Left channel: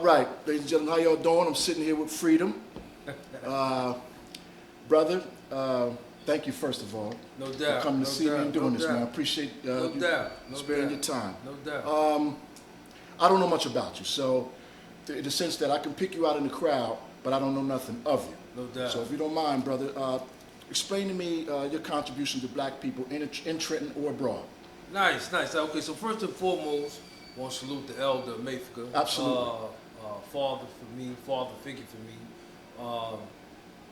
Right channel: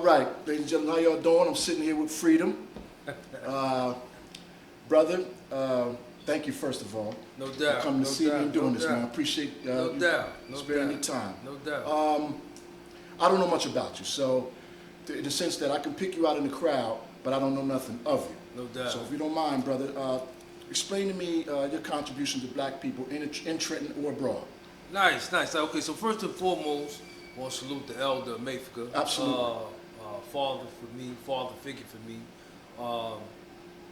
All right, ladies and gentlemen, how y'all doing? I'm sitting here with Freedom. Brother, thank you first of all No doubt. for coming to see me and doing this, man. I appreciate No you doubt. sparing your time. No doubt. I don't know much about you, so in the sense that I can pick you out in the crowd, but I don't know nothing of you. No doubt. So if you don't mind, brother, explain to me your contribution to black people in Trenton or abroad. Nice. Okay, so first and foremost, I want to salute the elder Mayfica. Absolutely. Father for me, father figure for me.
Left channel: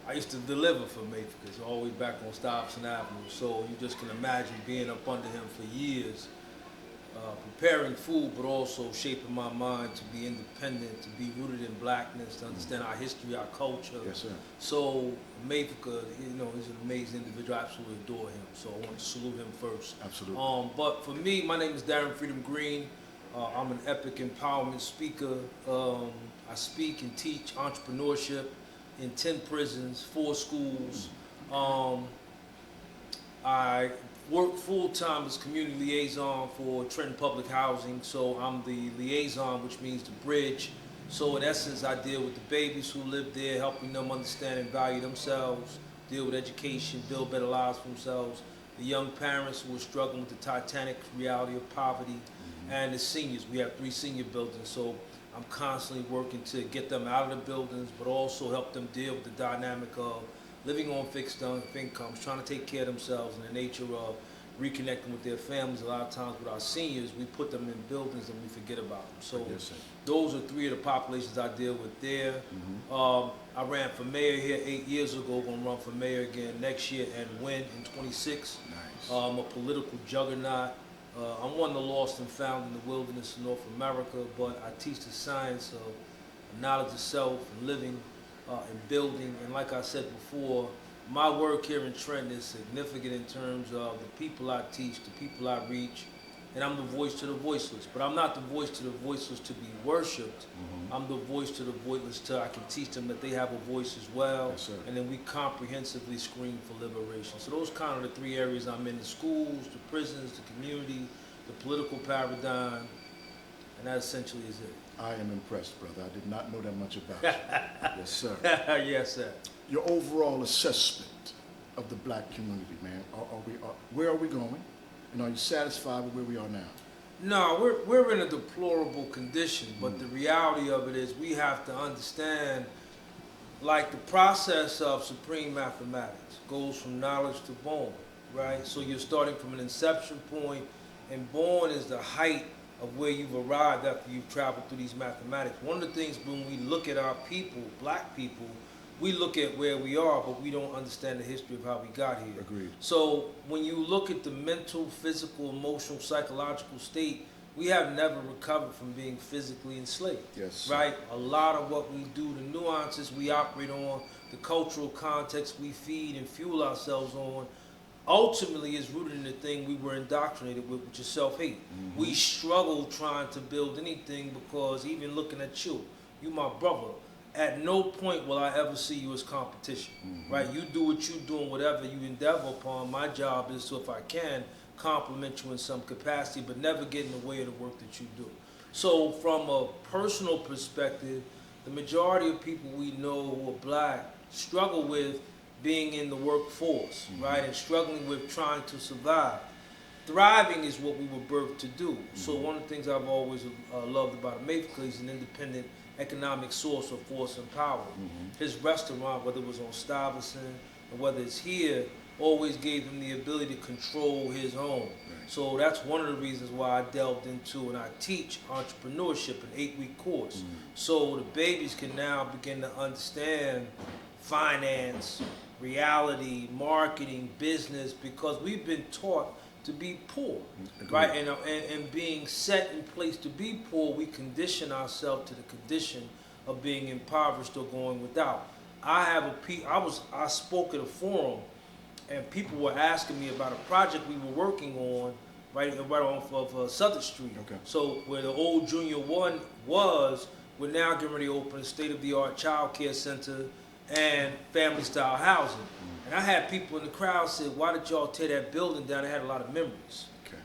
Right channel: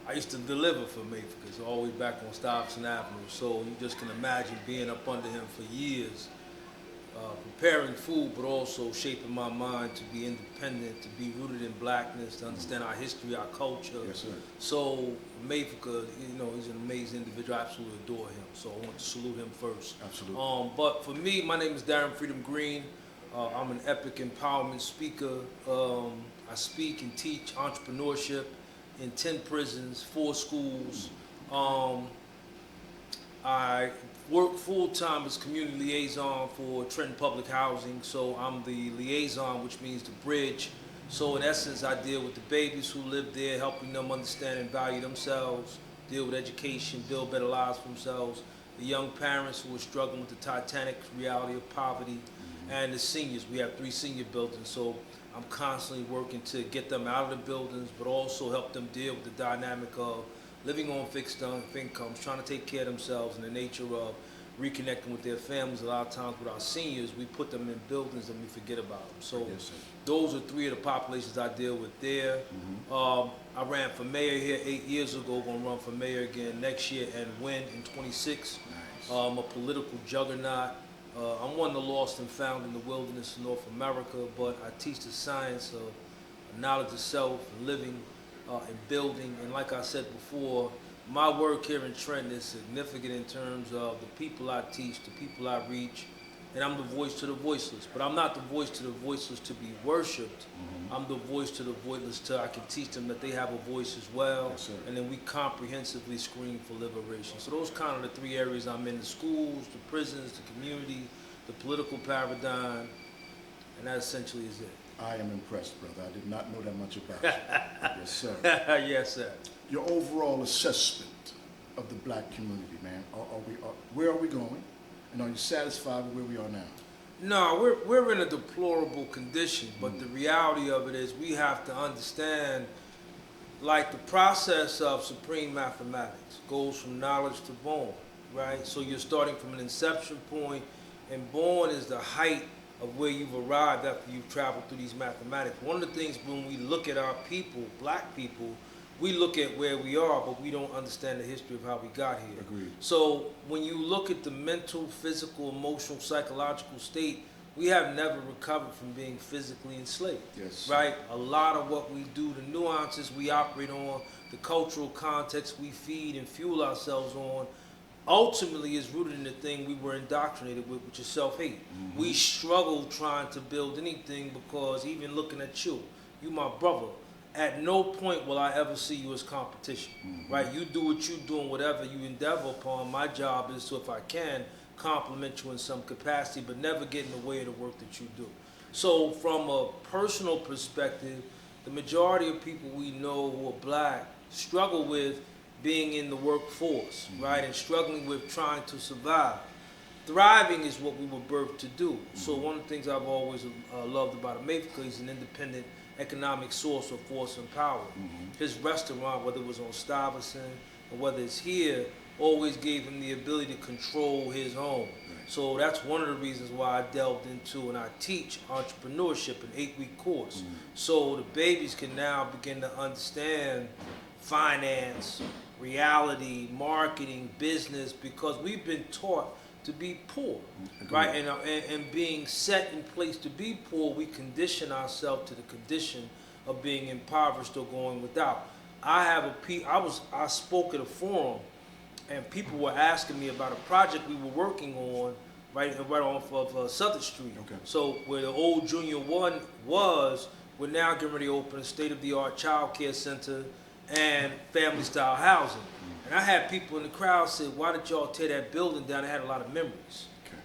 I used to deliver for Mayfica, so all the way back on Stuyvesant Avenue. So you just can imagine being up under him for years, preparing food, but also shaping my mind to be independent, to be rooted in blackness, to understand our history, our culture. Yes, sir. So Mayfica, he's an amazing individual. I absolutely adore him. So I want to salute him first. Absolutely. But for me, my name is Darren Freedom Green. I'm an epic empowerment speaker. I speak and teach entrepreneurship in 10 prisons, 4 schools. I work full-time as community liaison for Trenton Public Housing, so I'm the liaison, which means the bridge. So in essence, I deal with the babies who live there, helping them understand and value themselves, deal with education, build better lives for themselves, the young parents who are struggling with the titanic reality of poverty, and the seniors. We have 3 senior buildings, so I'm constantly working to get them out of the buildings, but also help them deal with the dynamic of living on fixed incomes, trying to take care of themselves, and the nature of reconnecting with their families. A lot of times with our seniors, we put them in buildings and we forget about them. So Yes, those are 3 of the populations I deal with there. I ran for mayor here 8 years ago, going to run for mayor again next year and win in 26. Nice. I'm a political juggernaut. I'm one of the lost and found in the wilderness of North America, but I teach the science of knowledge of self and living and building. And like I said before, my work here in Trenton is significant in terms of the people I teach, the people I reach, and I'm the voice to the voiceless. But I'm not the voice to the voiceless to be worshipped. I'm the voice to the voiceless till I can teach them that they have a voice as well. Yes, sir. And then we comprehensively scream for liberation. So those kind of the 3 areas I'm in: the schools, the prisons, the community, the political paradigm, and that essentially is it. I am impressed, brother. I did not know that much about you. Yes, sir. Yes, sir. Your overall assessment of the black community, man. Where are we going? And are you satisfied with where we are now? No, we're in a deplorable condition, but the reality of it is we have to understand, like, the process of supreme mathematics goes from knowledge to born, right? So you're starting from an inception point, and born is the height of where you've arrived after you've traveled through these mathematics. One of the things when we look at our people, black people, we look at where we are, but we don't understand the history of how we got here. Agreed. So when you look at the mental, physical, emotional, psychological state, we have never recovered from being physically enslaved. Yes. Right? A lot of what we do, the nuances we operate on, the cultural context we feed and fuel ourselves on, ultimately is rooted in the thing we were indoctrinated with, which is self-hate. We struggle trying to build anything because even looking at you my brother, at no point will I ever see you as competition, right? You do what you do and whatever you endeavor upon. My job is to, if I can, compliment you in some capacity, but never get in the way of the work that you do. So from a personal perspective, the majority of people we know who are black struggle with being in the workforce, right? And struggling with trying to survive. Thriving is what we were birthed to do. So one of the things I've always loved about Mayfica is an independent economic source of force and power. His restaurant, whether it was on Stuyvesant or whether it's here, always gave him the ability to control his home. So that's one of the reasons why I delved into and I teach entrepreneurship, an 8-week course. So the babies can now begin to understand finance, reality, marketing, business, because we've been taught to be poor, right? And being set in place to be poor, we condition ourselves to the condition of being impoverished or going without. I spoke at a forum, and people were asking me about a project we were working on, right off of Southern Street. Okay. So where the old Junior 1 was, we're now getting ready to open a state-of-the-art child care center and family-style housing. And I had people in the crowd say, why did y'all tear that building down? It had a lot of memories. Okay.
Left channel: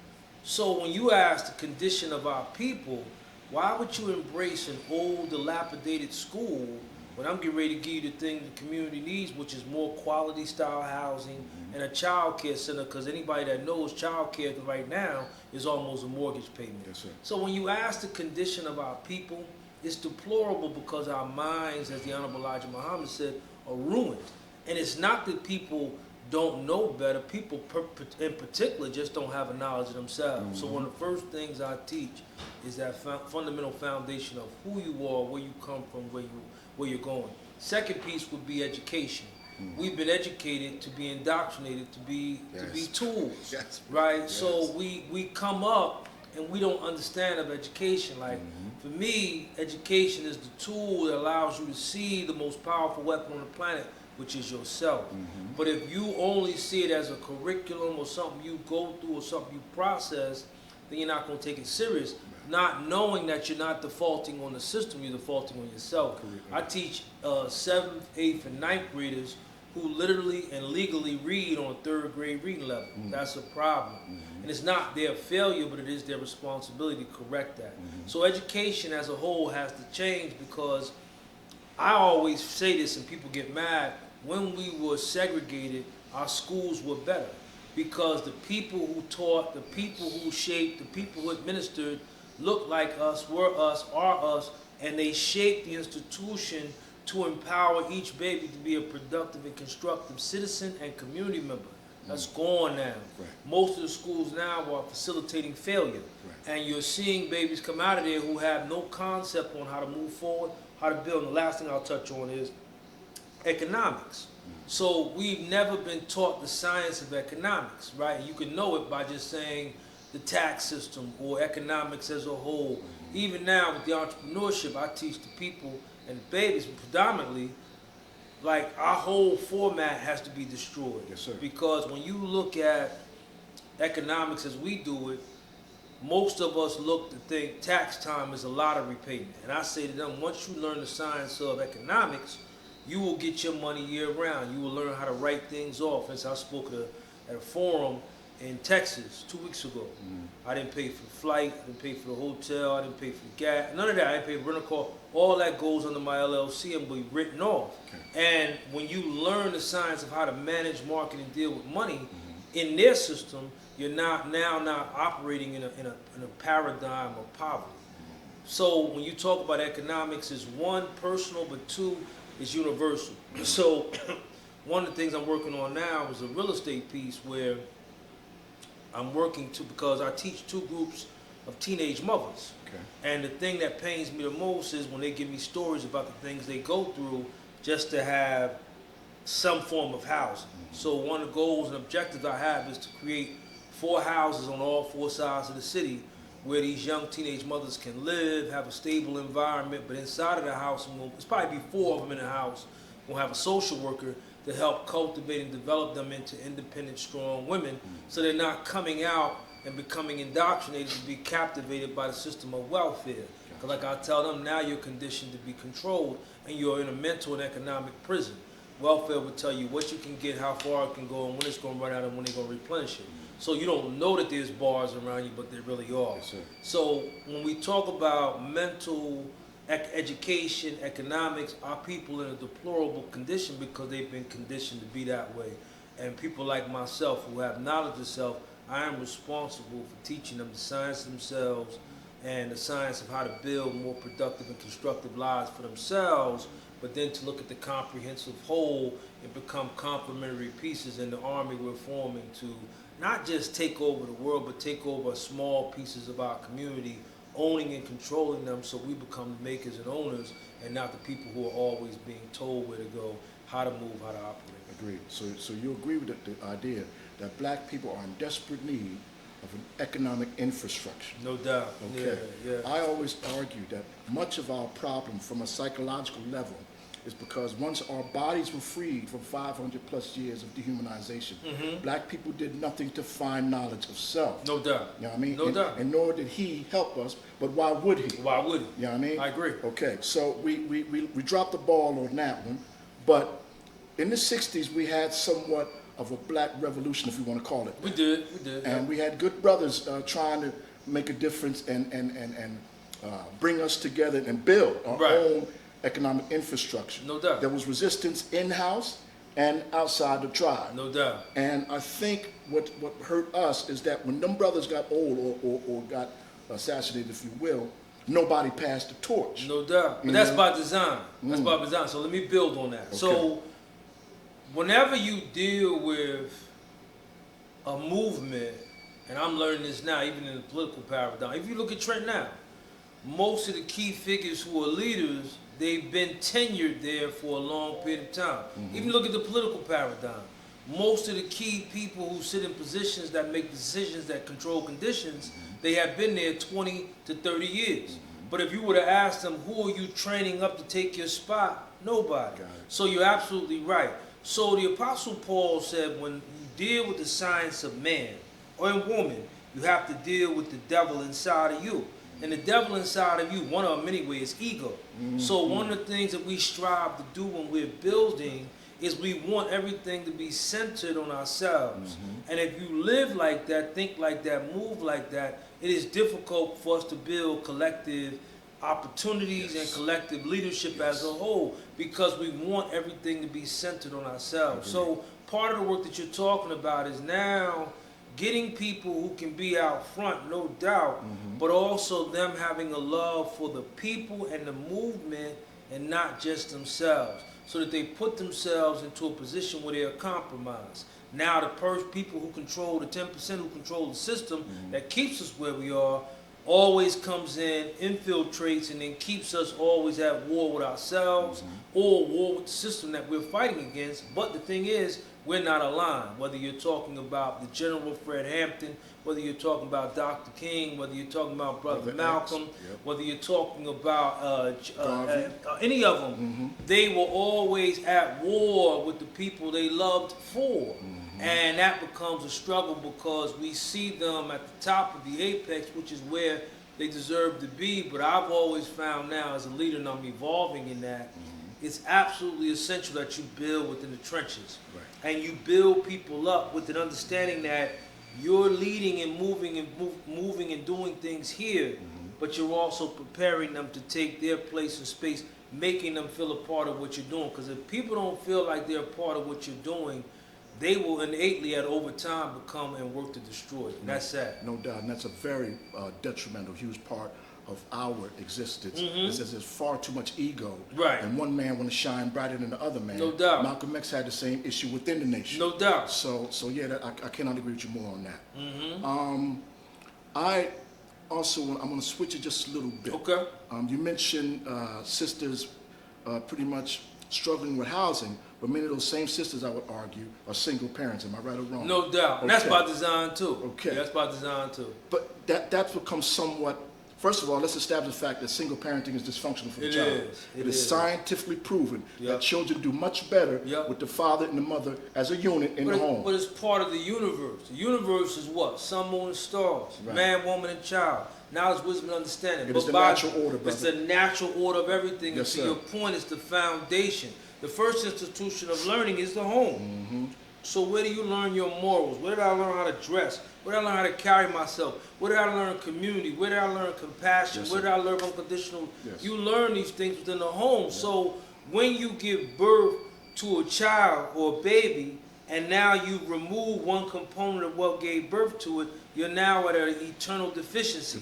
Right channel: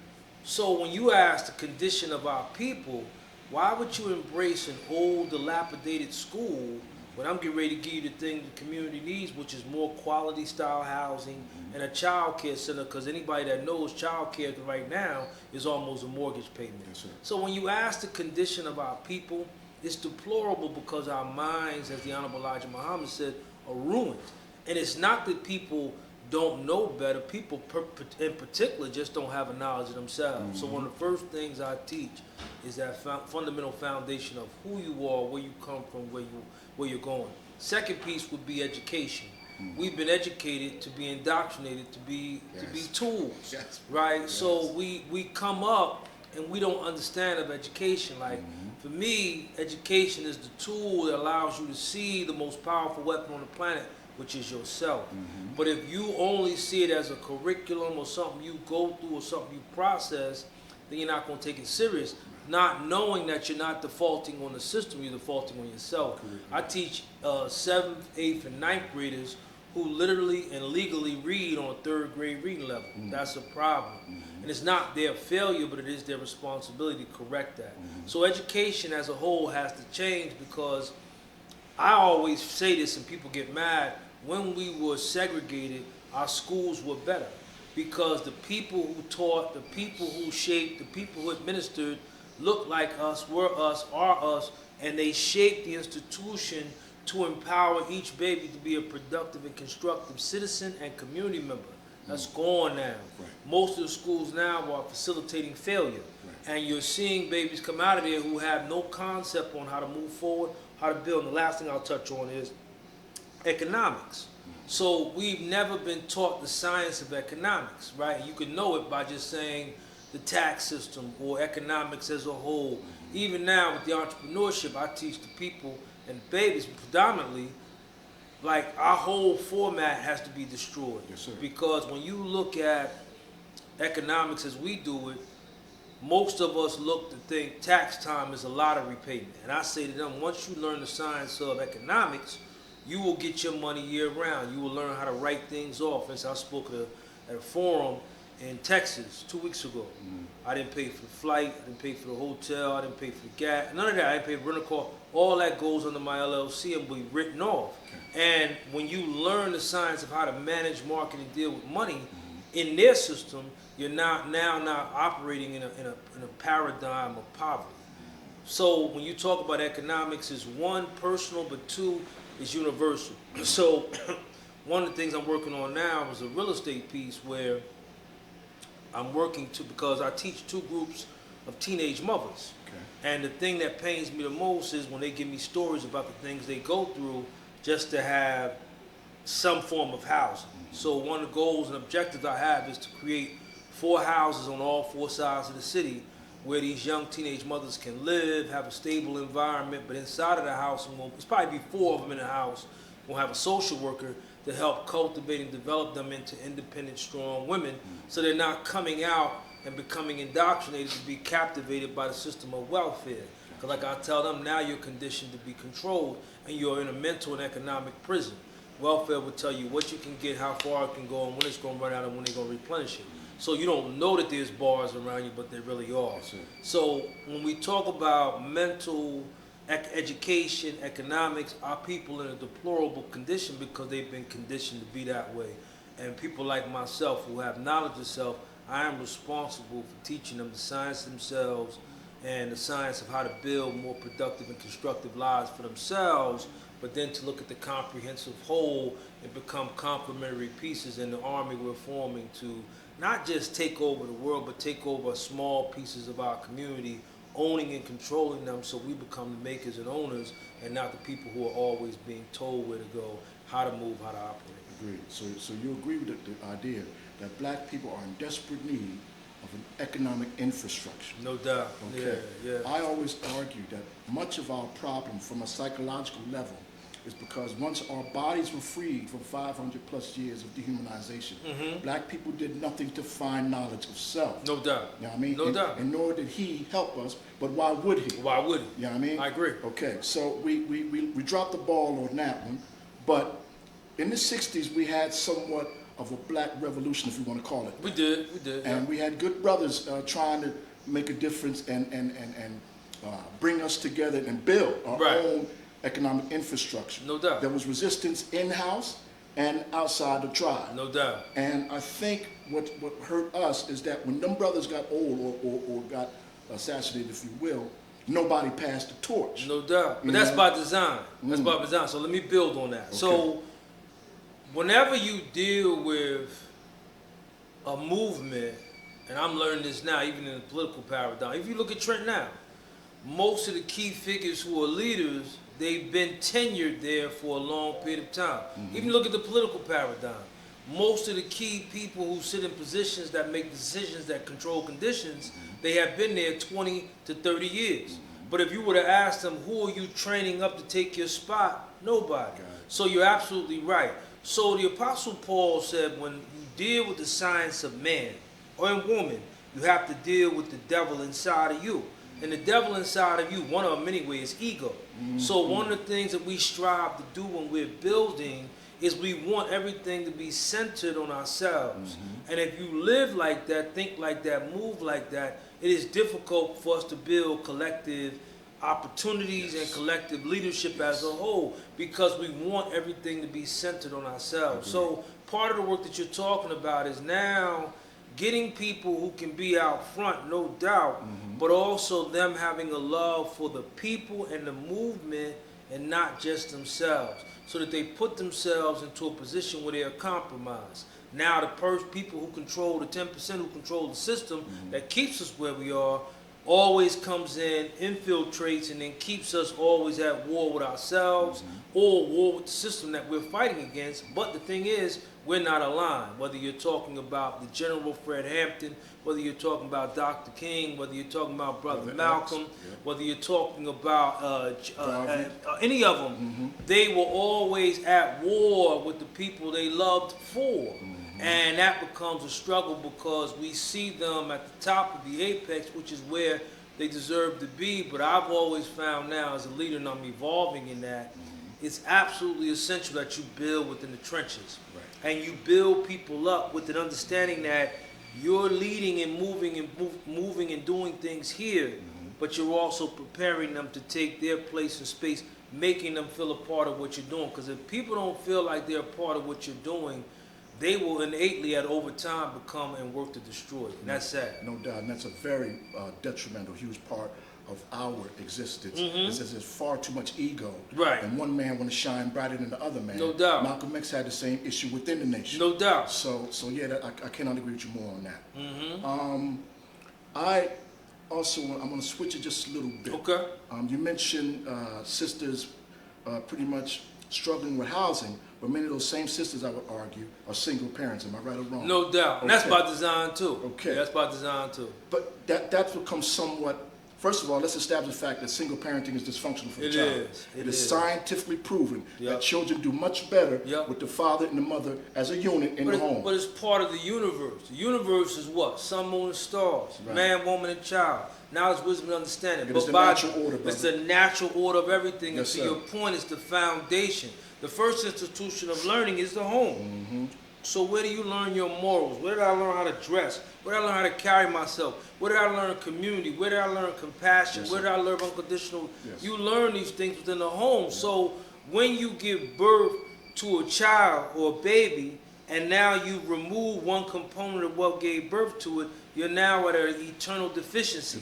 So when you ask the condition of our people, Why would you embrace an old, dilapidated school when I'm getting ready to give you the thing the community needs, which is more quality style housing and a child care center? Because anybody that knows child care right now is almost a mortgage payment. Yes, sir. So when you ask the condition of our people, it's deplorable because our minds, as the Honorable Elijah Muhammad said, are ruined. And it's not that people don't know better. People in particular just don't have a knowledge of themselves. So one of the first things I teach is that fundamental foundation of who you are, where you come from, where you're going. Second piece would be education. We've been educated to be indoctrinated, to be tools, right? Yes. So we come up and we don't understand of education. Like for me, education is the tool that allows you to see the most powerful weapon on the planet, which is yourself. But if you only see it as a curriculum or something you go through or something you process, then you're not going to take it serious. Not knowing that you're not defaulting on the system, you're defaulting on yourself. I teach 7th, 8th, and 9th graders who literally and legally read on 3rd grade reading level. That's a problem. And it's not their failure, but it is their responsibility to correct that. So education as a whole has to change, because I always say this and people get mad. When we were segregated, our schools were better because the people who taught, the people who shaped, the people who administered looked like us, were us, are us, and they shaped the institution to empower each baby to be a productive and constructive citizen and community member. That's gone now. Right. Most of the schools now are facilitating failure. Right. And you're seeing babies come out of there who have no concept on how to move forward, how to build. And the last thing I'll touch on is economics. So we've never been taught the science of economics, right? You can know it by just saying the tax system or economics as a whole. Even now with the entrepreneurship, I teach the people and babies predominantly, like our whole format has to be destroyed. Yes, sir. Because when you look at economics as we do it, most of us look to think tax time is a lottery payment. And I say to them, once you learn the science of economics, you will get your money year round. You will learn how to write things off. As I spoke at a forum in Texas 2 weeks ago. I didn't pay for the flight, I didn't pay for the hotel, I didn't pay for the gas, none of that. I didn't pay for rental car. All that goes under my LLC and be written off. Okay. And when you learn the science of how to manage, market, and deal with money in their system, you're now operating in a paradigm of poverty. So when you talk about economics, is one, personal, but two, is universal. So one of the things I'm working on now is a real estate piece where I'm working to, because I teach 2 groups of teenage mothers. Okay. And the thing that pains me the most is when they give me stories about the things they go through just to have some form of housing. So one of the goals and objectives I have is to create 4 houses on all 4 sides of the city where these young teenage mothers can live, have a stable environment, but inside of the house, and there's probably be 4 of them in the house, we'll have a social worker to help cultivate and develop them into independent, strong women, so they're not coming out and becoming indoctrinated to be captivated by the system of welfare. Because like I tell them, now you're conditioned to be controlled, and you're in a mental and economic prison. Welfare will tell you what you can get, how far it can go, and when it's going to run out, and when they're going to replenish it. So you don't know that there's bars around you, but there really are. Yes, so when we talk about mental education, economics, our people in a deplorable condition because they've been conditioned to be that way. And people like myself who have knowledge of self, I am responsible for teaching them the science of themselves and the science of how to build more productive and constructive lives for themselves, but then to look at the comprehensive whole and become complementary pieces in the army we're forming to not just take over the world, but take over small pieces of our community, owning and controlling them so we become makers and owners and not the people who are always being told where to go, how to move, how to operate. Agreed. So you agree with the idea that black people are in desperate need of an economic infrastructure? No doubt. Okay. Yeah. I always argue that much of our problem from a psychological level is because once our bodies were freed from 500 plus years of dehumanization, black people did nothing to find knowledge of self. No doubt. You know what I mean? No doubt. And nor did he help us, but why would he? Why would he? You know what I mean? I agree. Okay, so we dropped the ball on that one, but in the 60s we had somewhat of a black revolution, if we want to call it that. We did. And we had good brothers trying to make a difference and bring us together and build our Right. own economic infrastructure. No doubt. There was resistance in-house and outside the tribe. No doubt. And I think what hurt us is that when them brothers got old or got assassinated, if you will, nobody passed the torch. No doubt. But that's by design. That's by design. So let me build on that. Okay. So whenever you deal with a movement, and I'm learning this now, even in the political paradigm, if you look at Trent now, most of the key figures who are leaders, they've been tenured there for a long period of time. Even look at the political paradigm. Most of the key people who sit in positions that make decisions that control conditions, they have been there 20 to 30 years. But if you were to ask them, who are you training up to take your spot? Nobody. So you're absolutely right. So the Apostle Paul said, when you deal with the science of man or a woman, you have to deal with the devil inside of you. And the devil inside of you, one of them anyway, is ego. So one of the things that we strive to do when we're building is we want everything to be centered on ourselves. And if you live like that, think like that, move like that, it is difficult for us to build collective opportunities and collective leadership as a whole, because we want everything to be centered on ourselves. So part of the work that you're talking about is now getting people who can be out front, no doubt, but also them having a love for the people and the movement and not just themselves, so that they put themselves into a position where they are compromised. Now the people who control the 10% who control the system that keeps us where we are always comes in, infiltrates, and then keeps us always at war with ourselves or war with the system that we're fighting against. But the thing is, we're not aligned. Whether you're talking about the General Fred Hampton, whether you're talking about Dr. King, whether you're talking about Brother Malcolm, whether you're talking about any of them, they were always at war with the people they loved for. And that becomes a struggle because we see them at the top of the apex, which is where they deserve to be. But I've always found now as a leader, and I'm evolving in that, it's absolutely essential that you build within the trenches. And you build people up with an understanding that you're leading and moving and doing things here, but you're also preparing them to take their place in space, making them feel a part of what you're doing. Because if people don't feel like they're a part of what you're doing, they will innately, at over time, become and work to destroy it. And that's sad. No doubt, and that's a very detrimental, huge part of our existence. Is there's far too much ego, and one man want to shine brighter than the other man. No doubt. Malcolm X had the same issue within the nation. No doubt. So yeah, I cannot agree with you more on that. I also I'm going to switch it just a little bit. Okay. You mentioned sisters pretty much struggling with housing, but many of those same sisters, I would argue, are single parents. Am I right or wrong? No doubt. And that's by design too. Okay. Yeah, that's by design too. But that's become somewhat. First of all, let's establish the fact that single parenting is dysfunctional for the child. It is scientifically proven that children do much better with the father and the mother as a unit in the home. But it's part of the universe. The universe is what? Sun, moon, and stars. Man, woman, and child. Knowledge, wisdom, and understanding. It is the natural order, brother. It's the natural order of everything. Yes, and to your point, it's the foundation. The first institution of learning is the home. So where do you learn your morals? Where did I learn how to dress? Where did I learn how to carry myself? Where did I learn community? Where did I learn compassion? Where did I learn unconditional? You learn these things within the home. So when you give birth to a child or a baby, and now you remove one component of what gave birth to it, you're now at an eternal deficiency.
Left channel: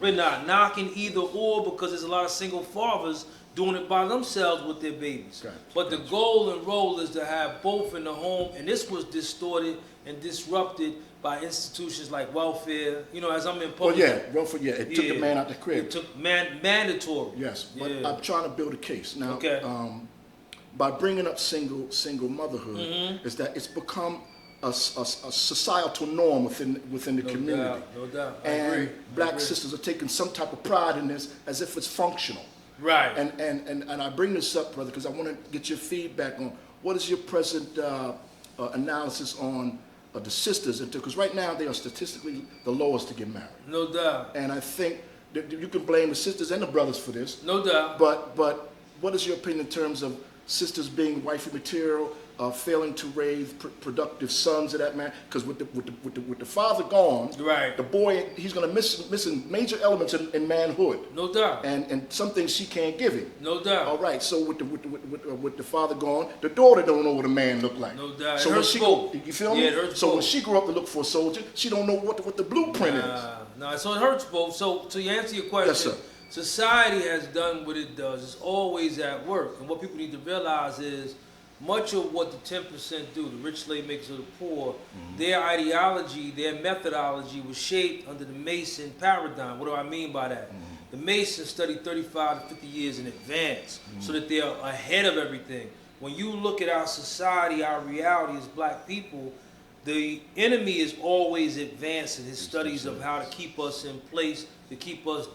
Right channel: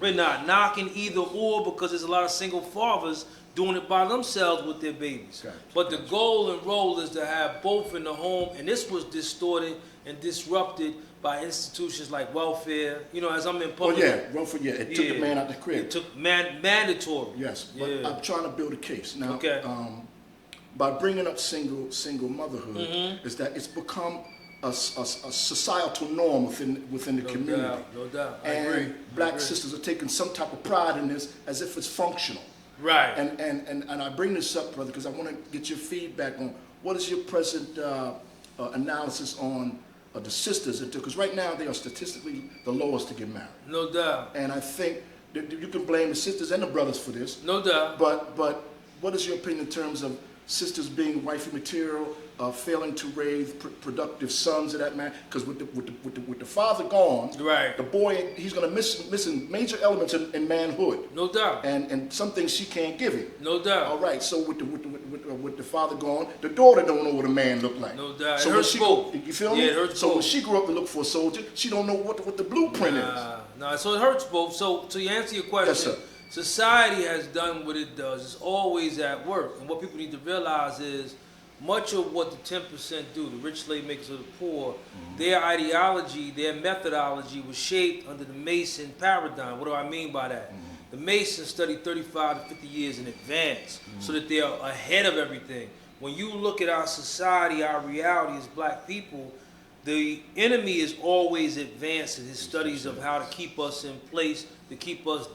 We're not knocking either or, because there's a lot of single fathers doing it by themselves with their babies. But the goal and role is to have both in the home, and this was distorted and disrupted by institutions like welfare. You know, as I'm in public. Welfare. It took the man out the crib. It took mandatory. Yes, but I'm trying to build a case now. By bringing up single motherhood, is that it's become a societal norm within the community. No doubt. And black sisters are taking some type of pride in this as if it's functional. Right. And I bring this up, brother, because I want to get your feedback on what is your present analysis on the sisters, because right now they are statistically the lowest to get married. No doubt. And I think that you can blame the sisters and the brothers for this. No doubt. But what is your opinion in terms of sisters being wifey material, failing to raise productive sons of that man. Because with the father gone, Right. the boy, he's going to missing major elements in manhood. No doubt. And some things she can't give him. No doubt. All right. So with the father gone, the daughter don't know what a man look like. No doubt. So It when hurts she both. you feel Yeah, me? it hurts So when both. she grew up to look for a soldier, she don't know what the blueprint is. Nah, so it hurts both. So to answer your question, Yes, sir. society has done what it does. It's always at work. And what people need to realize is much of what the 10% do, the rich slave makers of the poor, their ideology, their methodology was shaped under the Mason paradigm. What do I mean by that? The Masons study 35 to 50 years in advance so that they're ahead of everything. When you look at our society, our reality as black people, the enemy is always advanced in his studies of how to keep us in place, to keep us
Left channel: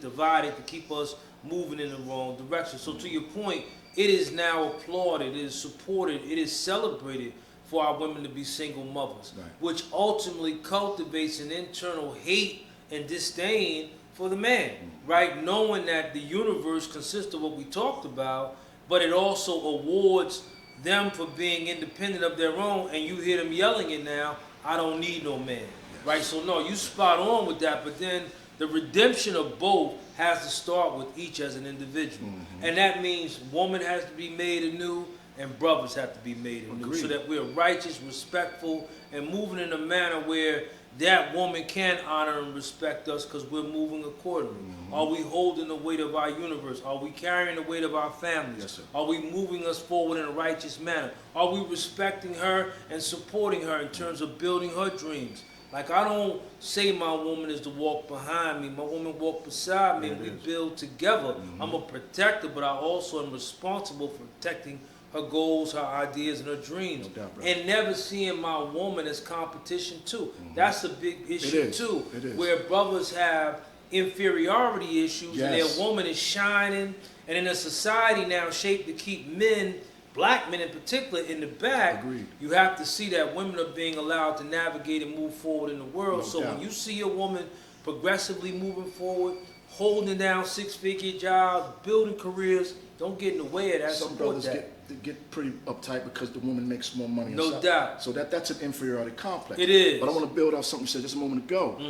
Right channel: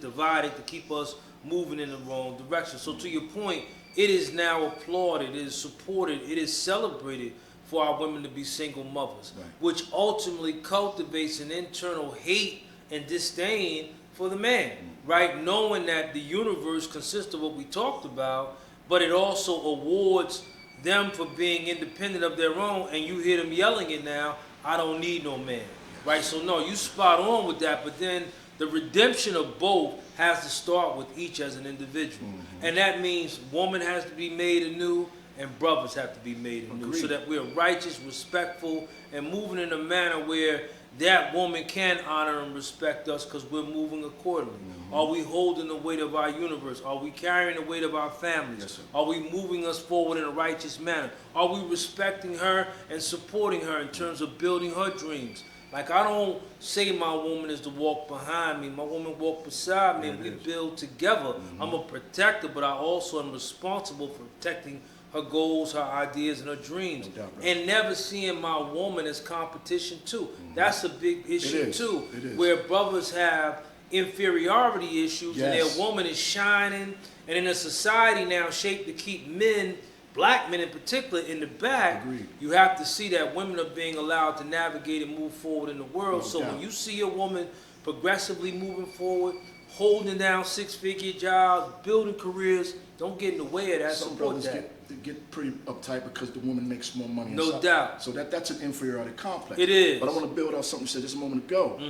divided, to keep us moving in the wrong direction. So to your point, it is now applauded, it is supported, it is celebrated for our women to be single mothers, Right. which ultimately cultivates an internal hate and disdain for the man, right? Knowing that the universe consists of what we talked about, but it also awards them for being independent of their own, and you hear them yelling it now, I don't need no man, right? So no, you spot on with that, but then the redemption of both has to start with each as an individual. And that means woman has to be made anew and brothers have to be made anew. Agreed. So that we're righteous, respectful, and moving in a manner where that woman can honor and respect us because we're moving accordingly. Are we holding the weight of our universe? Are we carrying the weight of our families? Yes, sir. Are we moving us forward in a righteous manner? Are we respecting her and supporting her in terms of building her dreams? Like, I don't say my woman is to walk behind me. My woman walk beside me, and we build together. I'm a protector, but I also am responsible for protecting her goals, her ideas, and her dreams. No doubt, brother. And never seeing my woman as competition, too. That's a big issue, too. It is. Where brothers have inferiority issues, and Yes. their woman is shining. And in a society now shaped to keep men, black men in particular, in the back, Agreed. you have to see that women are being allowed to navigate and move forward in the world. No So doubt. when you see a woman progressively moving forward, holding down six-figure jobs, building careers, don't get in the way of that. Some Support brothers that. get pretty uptight because the woman makes more money. No doubt. So that's an inferiority complex. It is. But I want to build off something you said just a moment ago.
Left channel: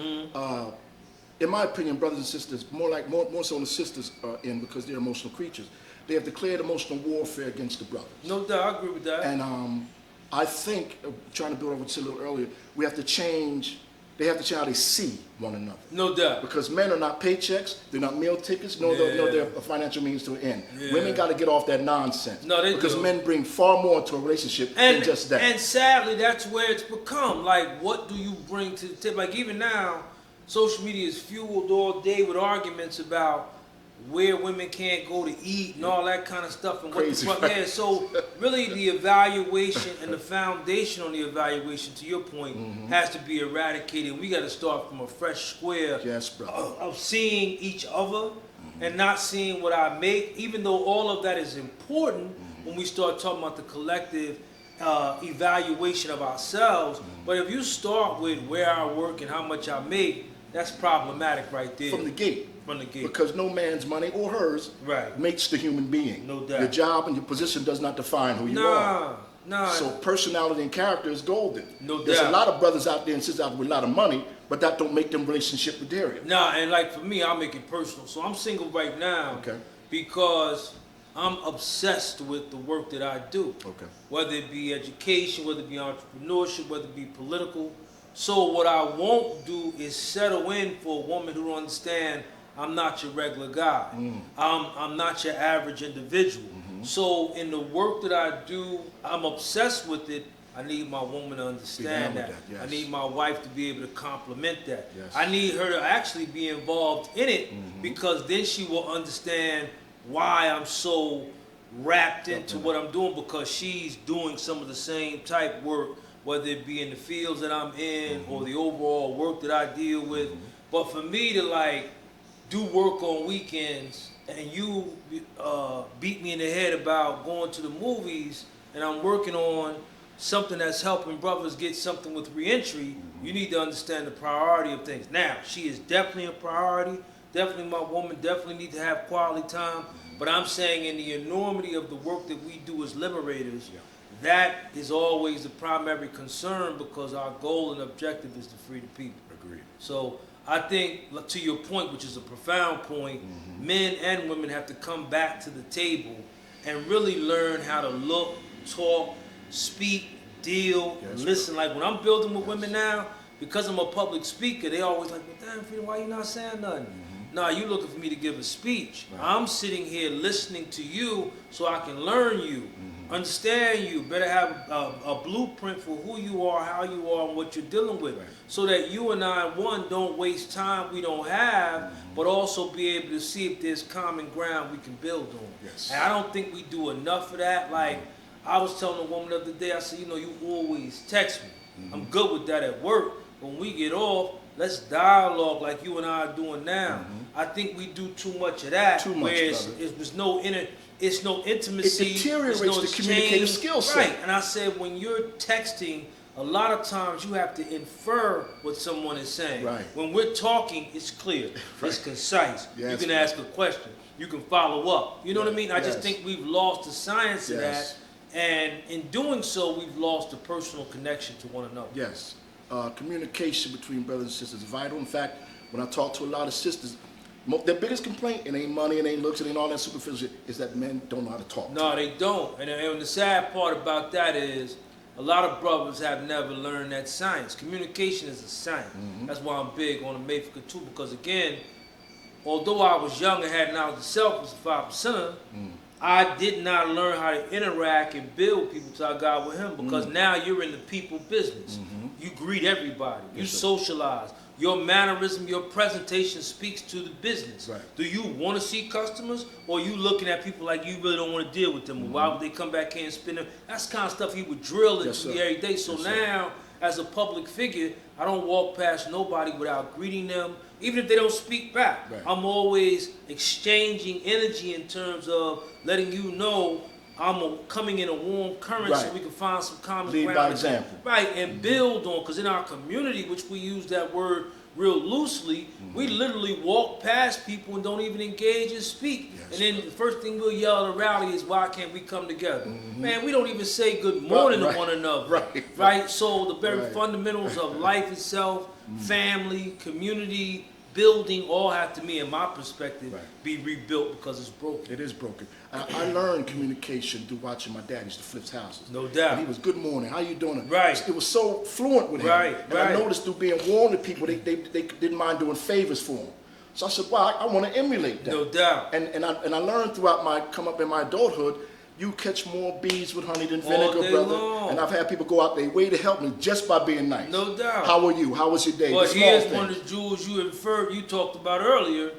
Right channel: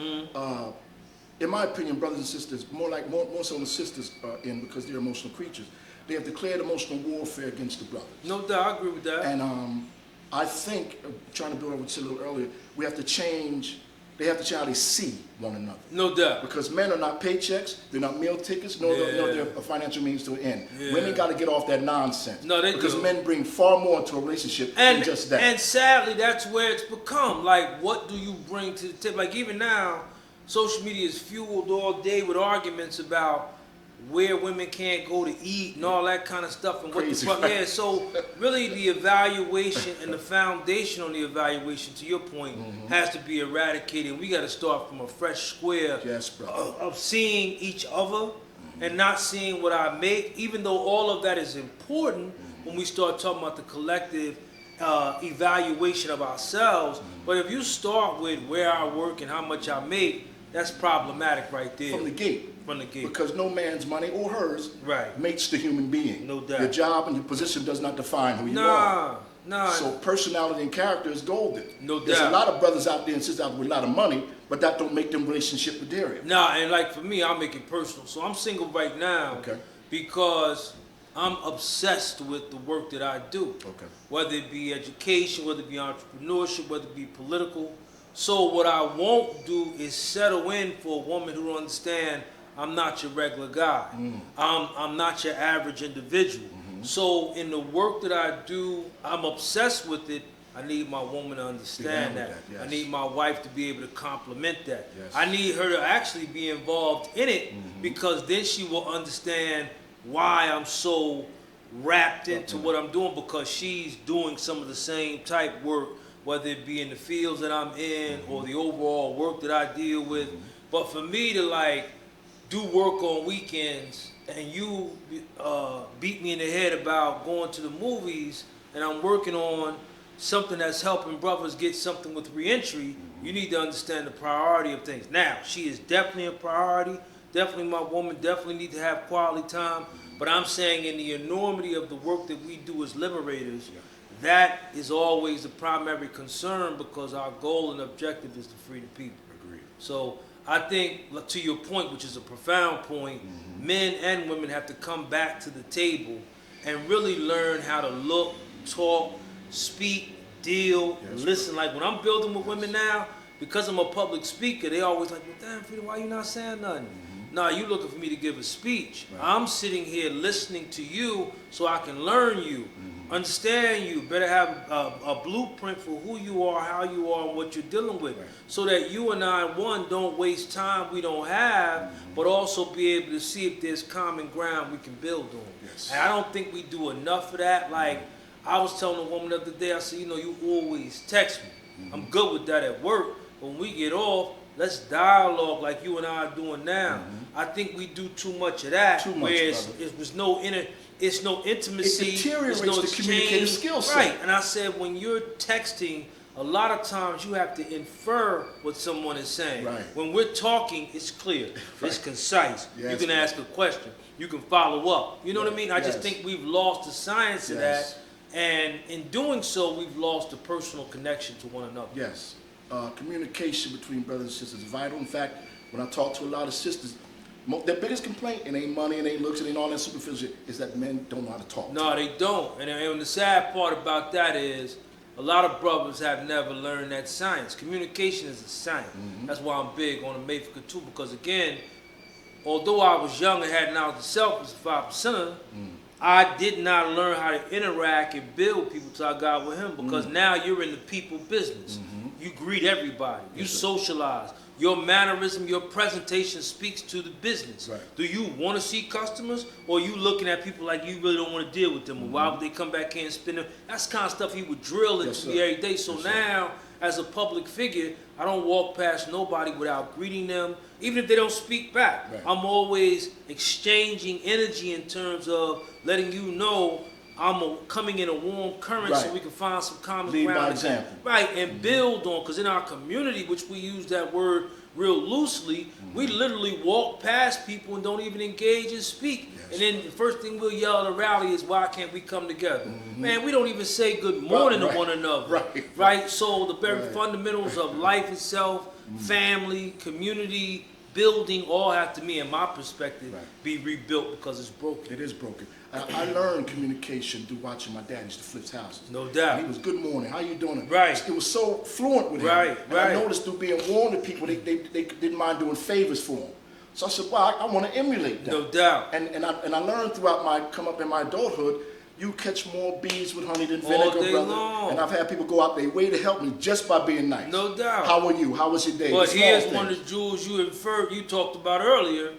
In my opinion, brothers and sisters, more so the sisters are in because they're emotional creatures. They have declared emotional warfare against the brothers. No doubt, I agree with that. And I think, trying to build on what you said a little earlier, we have to change. They have to change how they see one another. No doubt. Because men are not paychecks, they're not meal tickets, nor they're a financial means to an end. Yeah. Women got to get off that nonsense. No, they because do. men bring far more to a relationship And, than just that. and sadly, that's where it's become. Like, what do you bring to the table? Like, even now, social media is fueled all day with arguments about where women can't go to eat and all that kind of stuff. And what Crazy. the fuck, yeah. So, really, the evaluation and the foundation on the evaluation, to your point, has to be eradicated. We got to start from a fresh square Yes, brother. of seeing each other and not seeing what I make, even though all of that is important when we start talking about the collective evaluation of ourselves. But if you start with where I work and how much I make, that's problematic right there. From the gate. From the gate. Because no man's money or hers Right. makes the human being. No doubt. Your job and your position does not define who you are. Nah. So personality and character is golden. No There's doubt. a lot of brothers out there and sisters out there with a lot of money, but that don't make them relationship material. Nah, and like for me, I'll make it personal. So I'm single right now Okay. because I'm obsessed with the work that I do. Okay. Whether it be education, whether it be entrepreneurship, whether it be political. So what I won't do is settle in for a woman who don't understand I'm not your regular guy. I'm not your average individual. So in the work that I do, I'm obsessed with it. I need my woman to understand Be that. down with that, yes. I need my wife to be able to complement that. Yes. I need her to actually be involved in it because then she will understand why I'm so wrapped into what I'm doing, because she's doing some of the same type work, whether it be in the fields that I'm in or the overall work that I deal with. But for me to like do work on weekends and you beat me in the head about going to the movies and I'm working on something that's helping brothers get something with reentry, you need to understand the priority of things. Now, she is definitely a priority, definitely my woman, definitely need to have quality time, but I'm saying in the enormity of the work that we do as liberators, that is always the primary concern because our goal and objective is to free the people. Agreed. So I think, to your point, which is a profound point, men and women have to come back to the table and really learn how to look, talk, speak, deal, listen. Like when I'm building with women now, because I'm a public speaker, they always like, well, damn, Frida, why you not saying nothing? Nah, you looking for me to give a speech. Right. I'm sitting here listening to you so I can learn you, understand you, better have a blueprint for who you are, how you are, and what you're dealing with. Right. So that you and I, one, don't waste time we don't have, but also be able to see if there's common ground we can build on. Yes. And I don't think we do enough of that. Like, I was telling a woman the other day, I said, you know, you always text me. I'm good with that at work. But when we get off, let's dialogue like you and I are doing now. I think we do too much of that. Too much, where there's no intimacy. It deteriorates no the communicative skill set. Right. And I said, when you're texting, a lot of times you have to infer what someone is saying. Right. When we're talking, it's clear. Right. It's concise. Yes, you can ask a question. You can follow up. You know what I mean? I just think we've lost the science of that. And in doing so, we've lost the personal connection to one another. Yes. Communication between brothers and sisters is vital. In fact, when I talk to a lot of sisters, their biggest complaint, it ain't money, it ain't looks, it ain't all that superficial, is that men don't know how to talk. No, they don't. And the sad part about that is a lot of brothers have never learned that science. Communication is a science. That's why I'm big on the Mayfica too, because again, although I was young and had knowledge of self as a 5%er, I did not learn how to interact and build people till I got with him, because now you're in the people business. You greet everybody. You socialize. Your mannerism, your presentation speaks to the business. Right. Do you want to see customers, or are you looking at people like you really don't want to deal with them? Or why would they come back here and spend them? That's the kind of stuff you would drill into me every day. So now, as a public figure, I don't walk past nobody without greeting them, even if they don't speak back. Right. I'm always exchanging energy in terms of letting you know I'm coming in a warm current so we can find some common ground. By example. Right, and build on, because in our community, which we use that word real loosely, we literally walk past people and don't even engage and speak. And then the first thing we'll yell at a rally is, why can't we come together? Man, we don't even say good morning to one another. Right? So the very fundamentals of life itself, family, community, building, all have to, me in my perspective, be rebuilt because it's broken. It is broken. I learned communication through watching my dad used to flip houses. No doubt. And he was, good morning, how you doing? Right. It was so fluent with him. And I noticed through being warm to people, they didn't mind doing favors for him. So I said, well, I want to emulate that. No doubt. And I learned throughout my come up in my adulthood, you catch more bees with honey than vinegar, brother. Long. And I've had people go out their way to help me just by being nice. No doubt. How are you? How was your day? But here's one of the jewels you talked about earlier.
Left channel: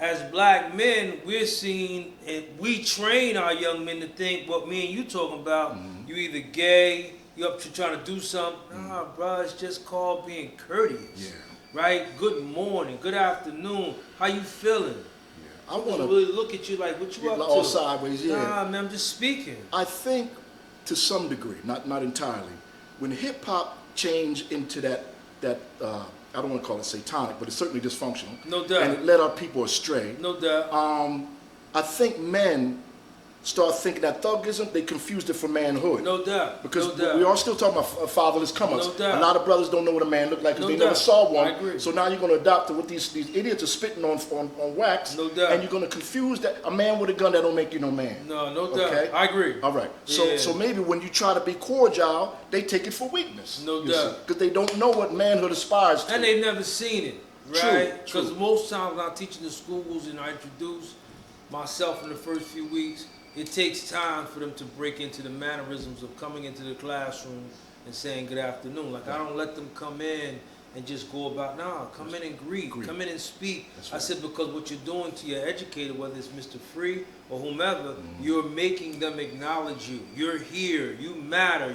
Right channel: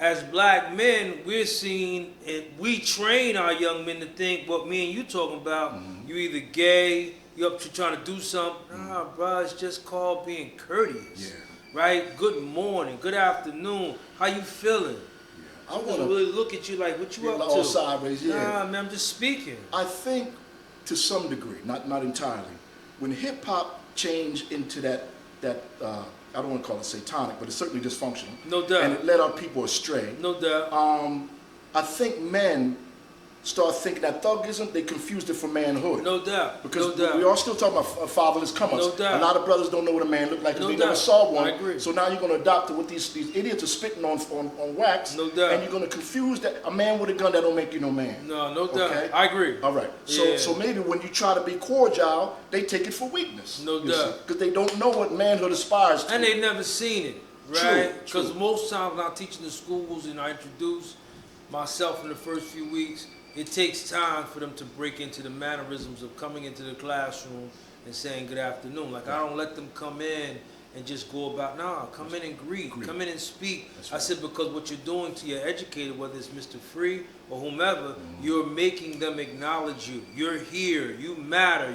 As black men, we're seen, and we train our young men to think what me and you talking about. You either gay, you up to trying to do something. Nah, bro, it's just called being courteous. Right? Good morning, good afternoon. How you feeling? I want to really look at you like, what you up to? All sideways, Nah, man, I'm just speaking. I think to some degree, not entirely, when hip hop changed into that I don't want to call it satanic, but it's certainly dysfunctional. No doubt. And it led our people astray. No doubt. I think men start thinking that thuggism, they confused it for manhood. No doubt. Because we are still talking about fatherless come-ups. No doubt. A lot of brothers don't know what a man looked like because they never saw one. I agree. So now you're going to adopt what these idiots are spitting on wax. No doubt. And you're going to confuse that. A man with a gun, that don't make you no man. No doubt. Okay? I agree. All right. So maybe when you try to be cordial, they take it for weakness. No doubt. Because they don't know what manhood aspires to. And they've never seen it. Right? Because most times when I teach in the schools and I introduce myself in the first few weeks, it takes time for them to break into the mannerisms of coming into the classroom and saying good afternoon. Like, I don't let them come in and just go about, come in and greet, come in and speak. I said, because what you're doing to your educator, whether it's Mr. Free or whomever, you're making them acknowledge you. You're here, you matter,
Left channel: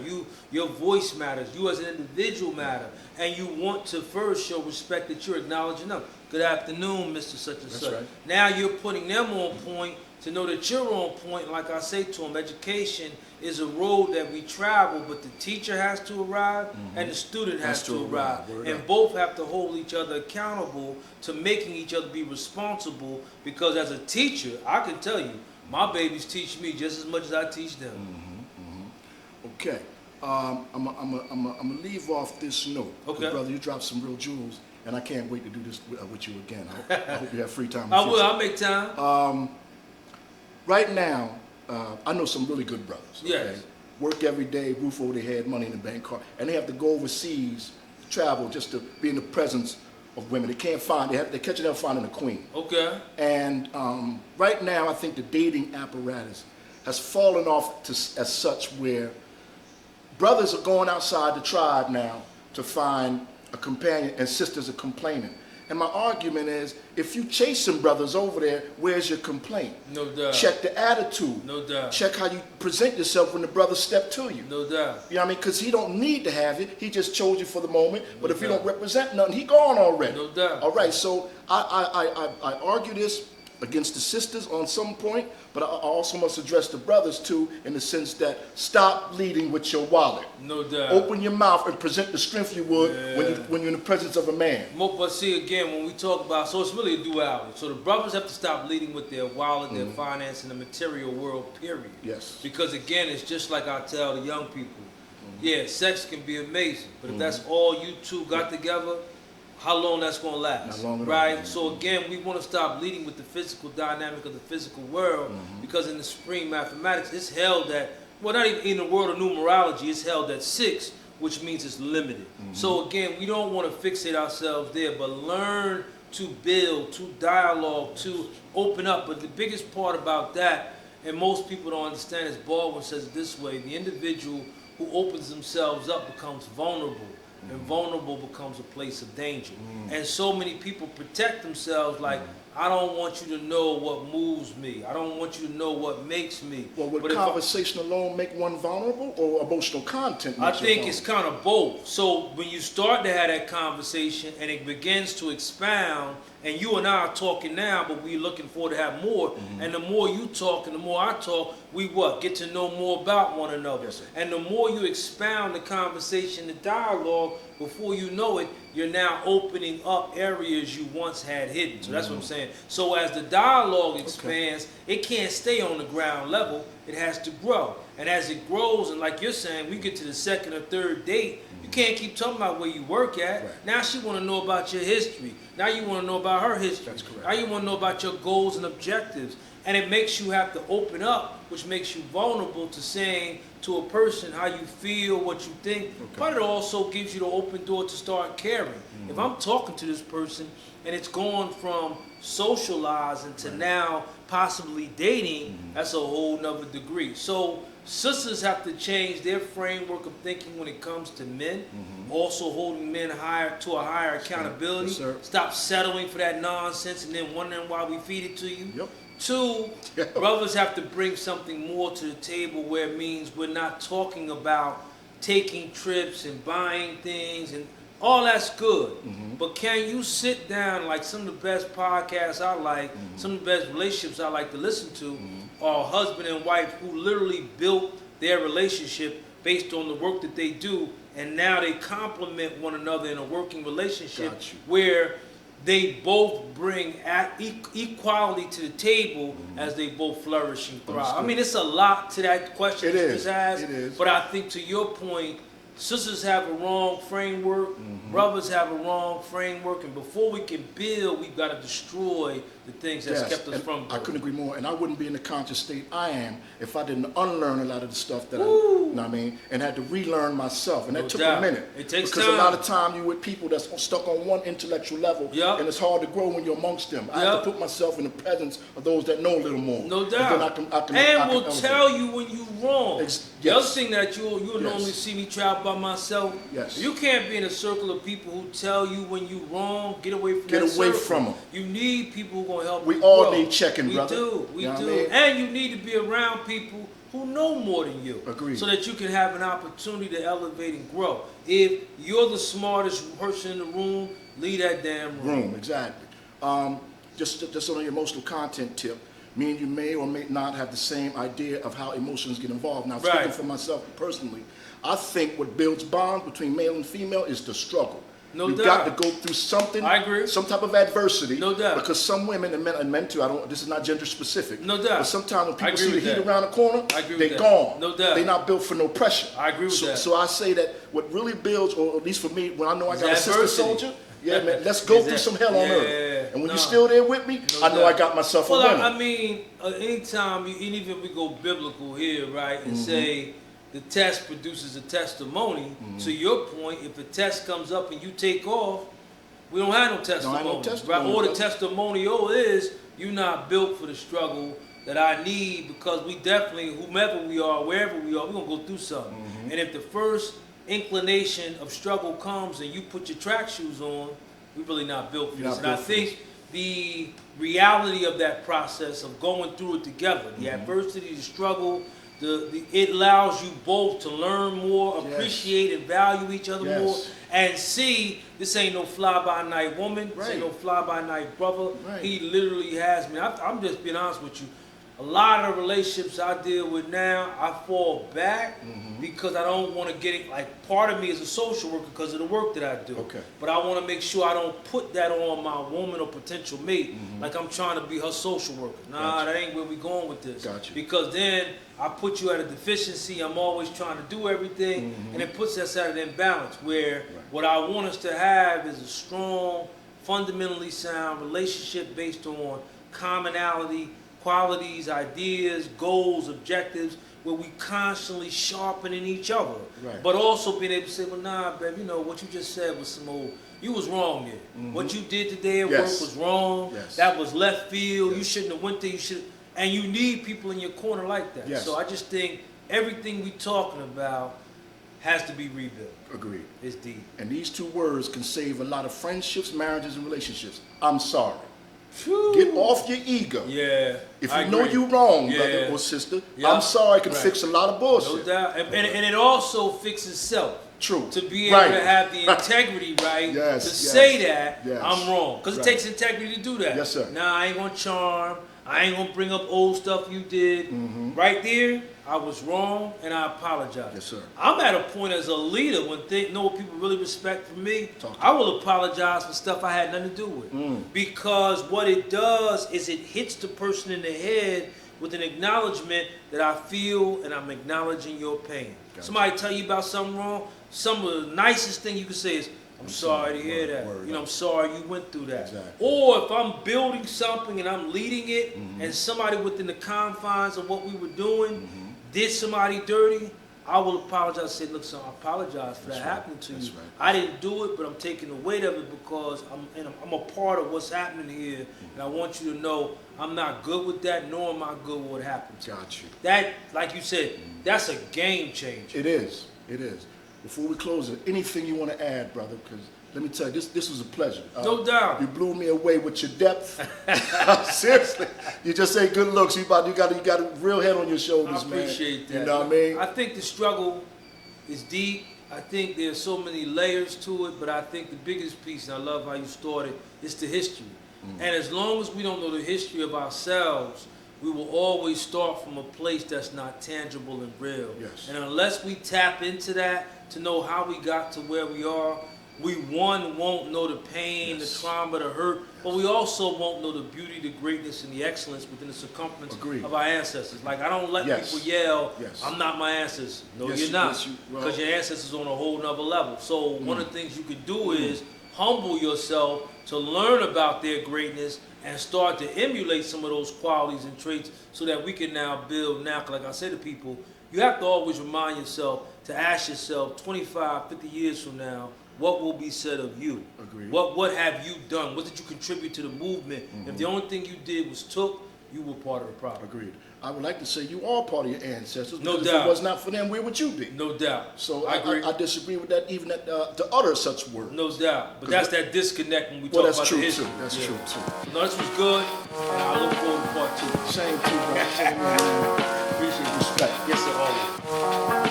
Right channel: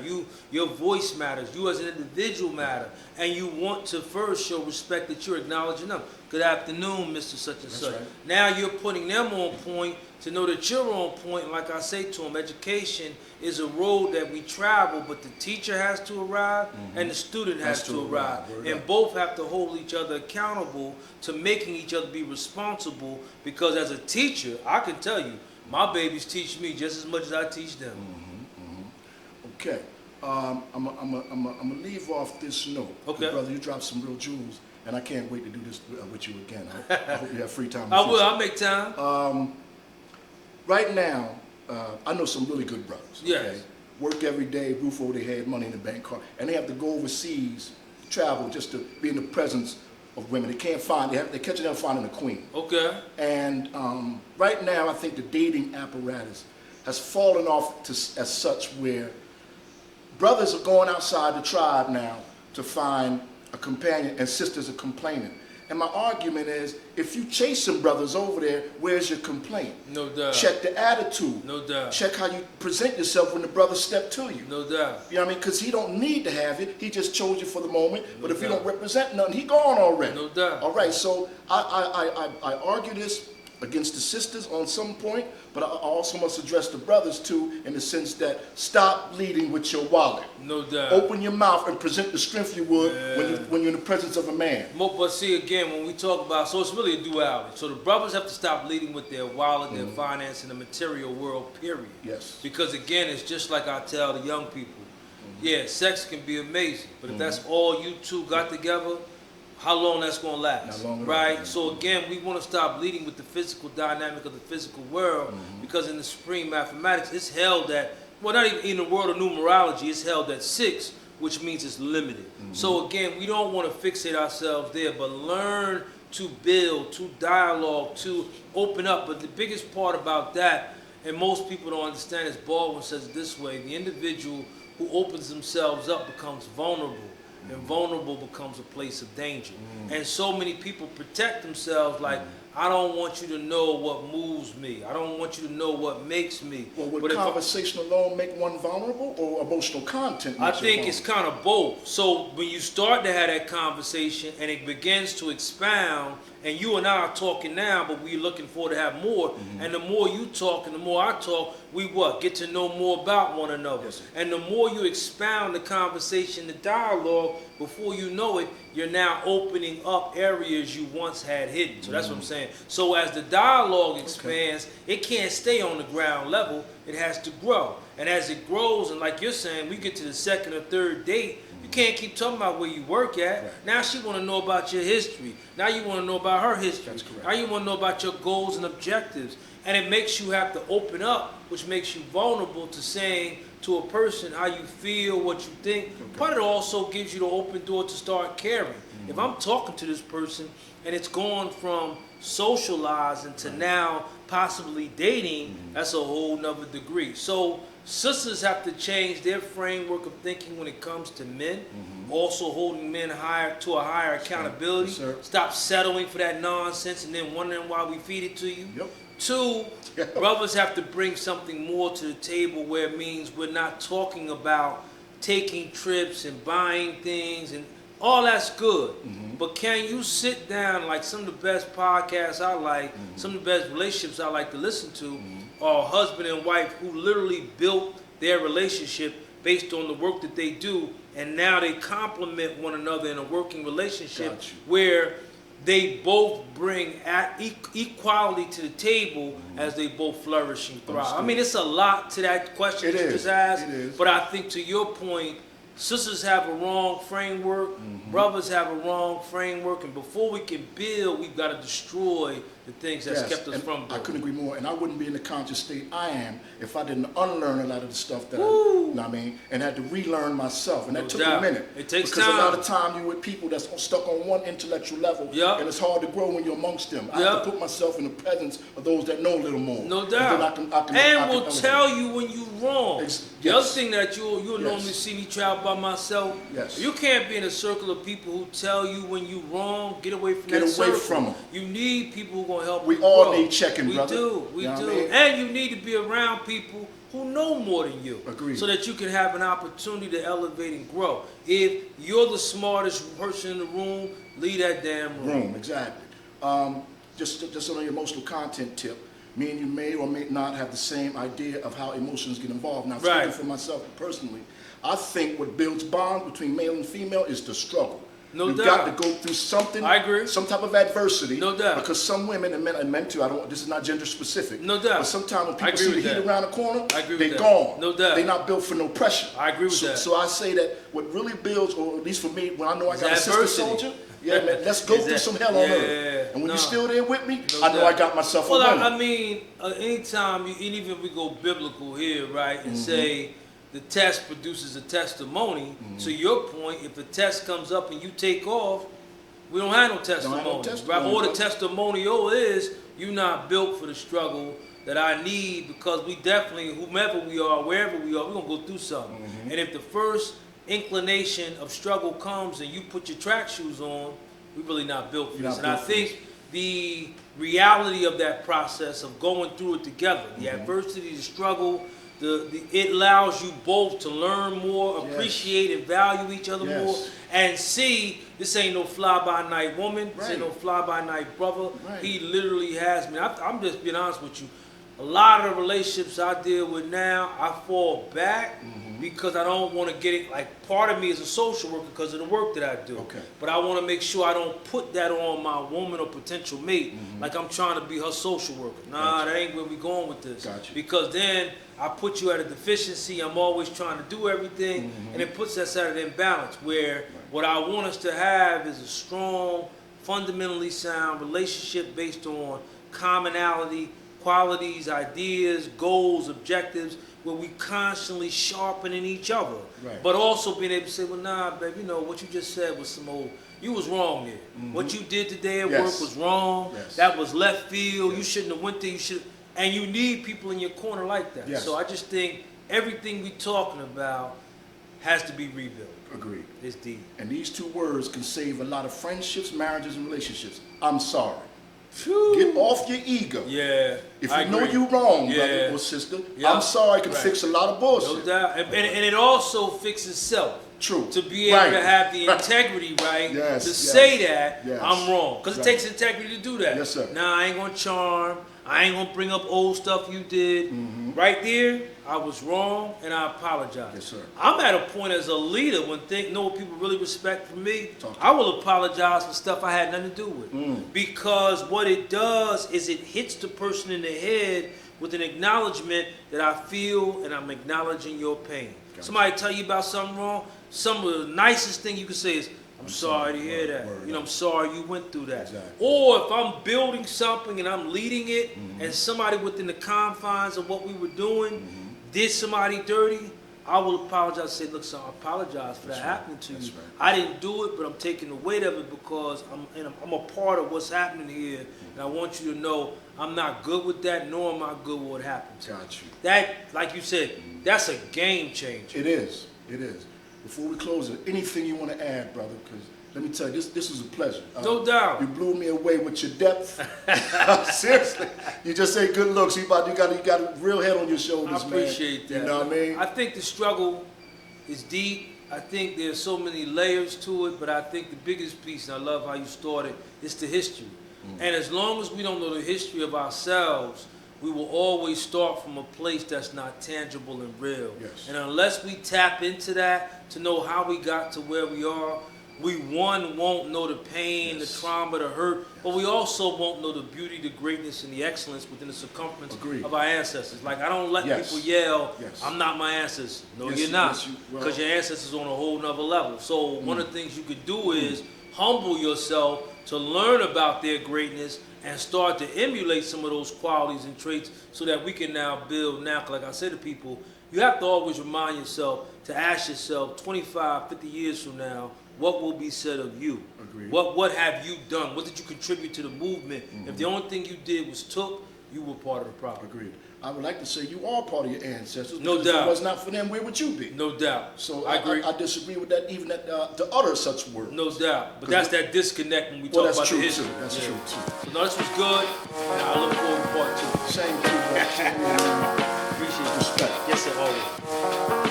your voice matters, you as an individual matter, and you want to first show respect that you're acknowledging them. Good afternoon, Mr. Such and Such. Now you're putting them on point to know that you're on point. Like I say to them, education is a road that we travel, but the teacher has to arrive and the student has to arrive. And both have to hold each other accountable to making each other be responsible, because as a teacher, I can tell you, my babies teach me just as much as I teach them. Okay. I'm gonna leave off this note. Okay. Brother, you dropped some real jewels, and I can't wait to do this with you again. I hope you have free time. I will. I'll make time. Right now, I know some really good brothers. Yes. Okay? Work every day, roof over their head, money in the bank card, and they have to go overseas, travel just to be in the presence of women. They can't find. They catch them finding a queen. Okay. And right now, I think the dating apparatus has fallen off as such where brothers are going outside the tribe now to find a companion, and sisters are complaining. And my argument is, if you chasing brothers over there, where's your complaint? No doubt. Check the attitude. No doubt. Check how you present yourself when the brother step to you. No doubt. You know what I mean? Because he don't need to have it. He just chose you for the moment. No but if you doubt. don't represent nothing, he gone already. No doubt. All right. So I argue this against the sisters on some point, but I also must address the brothers too, in the sense that stop leading with your wallet. No doubt. Open your mouth and present the strength you would when you're in the presence of a man. But see, again, when we talk about, so it's really a duality. So the brothers have to stop leading with their wallet, their finance, and the material world, period. Yes. Because again, it's just like I tell the young people. Yeah, sex can be amazing, but if that's all you two got together, how long that's going to last, right? So again, we want to stop leading with the physical dynamic of the physical world, because in the supreme mathematics, it's held that, well, not even in the world of numerology, it's held at 6, which means it's limited. So again, we don't want to fixate ourselves there, but learn to build, to dialogue, to open up. But the biggest part about that, and most people don't understand, is Baldwin says it this way: the individual who opens themselves up becomes vulnerable. And vulnerable becomes a place of danger. And so many people protect themselves like, I don't want you to know what moves me. I don't want you to know what makes me. Well, would but conversation alone make one vulnerable, or emotional content I makes you think it's kind of both. So when you start to have that conversation and it begins to expound, and you and I are talking now, but we're looking forward to have more. And the more you talk and the more I talk, we get to know more about one another. Yes, sir. And the more you expound the conversation, the dialogue, before you know it, you're now opening up areas you once had hidden. So that's what I'm saying. So as the dialogue expands, it can't stay on the ground level. It has to grow. And as it grows, and like you're saying, we get to the second or third date, you can't keep talking about where you work at. Right. Now she want to know about your history. Now you want to know about her history. That's correct. Now you want to know about your goals and objectives. And it makes you have to open up, which makes you vulnerable to saying to a person how you feel, what you think. But it also gives you the open door to start caring. If I'm talking to this person and it's gone from socializing to now possibly dating, that's a whole nother degree. So sisters have to change their framework of thinking when it comes to men, also holding men higher to a higher accountability. Yes, sir. Stop settling for that nonsense and then wondering why we feed it to you. Yep. 2, brothers have to bring something more to the table, where it means we're not talking about taking trips and buying things, and all that's good. But can you sit down, like some of the best podcasts I like, some of the best relationships I like to listen to, are husband and wife who literally built their relationship based on the work that they do, and now they complement one another in a working relationship where they both bring equality to the table as they both flourish and thrive. I mean, it's a lot to that question you just asked, but I think to your point, sisters have a wrong framework, brothers have a wrong framework, and before we can build, we've got to destroy the things that's kept us from building. I couldn't agree more, and I wouldn't be in the conscious state I am if I didn't unlearn a lot of the stuff that you know what I mean, and had to relearn myself, and that took a minute. It takes because time. a lot of time you're with people that's stuck on one intellectual level, and it's hard to grow when you're amongst them. I have to put myself in the presence of those that know a little more. No doubt. And then and will tell you when you're wrong. The other thing that you'll normally see me travel by myself. You can't be in a circle of people who tell you when you're wrong. Get away from that circle. From them. You need people who are going to help you We all grow. need checking, brother. We do. And you need to be around people who know more than you. Agreed. So that you can have an opportunity to elevate and grow. If you're the smartest person in the room, leave that damn room. Exactly. Just on your emotional content tip, me and you may or may not have the same idea of how emotions get involved. Now, speaking for myself personally, I think what builds bonds between male and female is the struggle. No You've doubt. got to go through something. I agree. Some type of adversity. No doubt. Because some women and men too. This is not gender specific. No doubt. But sometimes when I people agree see the with heat that. around the corner, I agree they're with that. gone. No doubt. They're not built for no pressure. I agree with that. So I say that what really builds, or at least for me, when I know I got a sister adversity. soldier. Yeah, man, let's go through some hell on earth. And when you're still there with me, No I know doubt. I got myself a winner. I mean, anytime, and even if we go biblical here, right, and say the test produces a testimony, to your point, if a test comes up and you take off, we don't have no testimony. Right? Or the testimonial is you're not built for the struggle that I need, because we definitely, whomever we are, wherever we are, we're going to go through something. And if the first inclination of struggle comes and you put your track shoes on, we're really not built for this. And I think the reality of that process of going through it together, the adversity, the struggle, it allows you both to learn more, appreciate and value each other more, and see this ain't no fly-by-night woman, this ain't no fly-by-night brother. He literally has me. I'm just being honest with you. A lot of the relationships I deal with now, I fall back because I don't want to get it. Like, part of me is a social worker because of the work that I do. Okay. But I want to make sure I don't put that on my woman or potential mate. Like I'm trying to be her social worker. Nah, that ain't where we going with this. Gotcha. Because then I put you at a deficiency. I'm always trying to do everything, and it puts us at an imbalance where what I want us to have is a strong, fundamentally sound relationship based on commonality, qualities, ideas, goals, objectives, where we constantly sharpening each other. But also being able to say, well, nah, babe, you know, what you just said was some old, you was wrong here. What you did today at work was wrong. That was left field. You shouldn't have went there. You should, and you need people in your corner like that. So I just think everything we talking about has to be rebuilt. Agreed. It's deep. And these two words can save a lot of friendships, marriages, and relationships. I'm sorry. Whew. Get off your ego. If you know you wrong, brother or sister, I'm sorry, can fix a lot of bullshit. No doubt. And it also fixes self. True. To be able to have the integrity, to say that I'm wrong. Because it takes integrity to do that. Yes, sir. Nah, I ain't going to charm. I ain't going to bring up old stuff you did. Right there, I was wrong, and I apologize. Yes, sir. I'm at a point as a leader when know what people really respect from me. I will apologize for stuff I had nothing to do with. Because what it does is it hits the person in the head with an acknowledgement that I feel and I'm acknowledging your pain. Gotcha. Somebody tell you about something wrong, some of the nicest thing you can say is, I'm sorry to hear that. You know, I'm sorry you went through that. Exactly. Or if I'm building something and I'm leading it, and somebody within the confines of what we were doing did somebody dirty, I will apologize and say, look, son, I apologize for that happening to you. I didn't do it, but I'm taking the weight of it because I'm a part of what's happening here, and I want you to know I'm not good with that, nor am I good with what happened to you. Got you. That, like you said, that's a game changer. It is. It is. Before we close it, anything you want to add, brother? Because let me tell you, this is a pleasure. No doubt. You blew me away with your depth. Seriously, you just say good looks. You got a real head on your shoulders, man. I appreciate that. You know what I mean? I think the struggle is deep. I think there's so many layers to it, but I think the biggest piece, and I love how you started, is the history. And as long as we don't know the history of ourselves, we will always start from a place that's not tangible and real. And unless we tap into that to know how we got to where we are, we won't know the pain, the trauma, the hurt, but we also won't know the beauty, the greatness, and the excellence within the circumference of our ancestors. Like, I don't let people yell, I'm not my ancestor. No, you're not, because your ancestors on a whole nother level. So one of the things you could do is humble yourself to learn about their greatness and start to emulate some of those qualities and traits so that we can now build now. Like I said to people, you have to always remind yourself to ask yourself 25, 50 years from now, what will be said of you? Agreed. What have you done? What did you contribute to the movement? If the only thing you did was you were part of the problem. Agreed. I would like to say you are part of your ancestors. No doubt. If it was not for them, where would you be? No doubt. So I agree. I disagree with that, even to utter such words. No doubt. But that's that disconnect when we talk about the history. That's true, too. No, this was good. And I look forward to part 2. Same to you, bro. Appreciate respect. Yes, sir, always.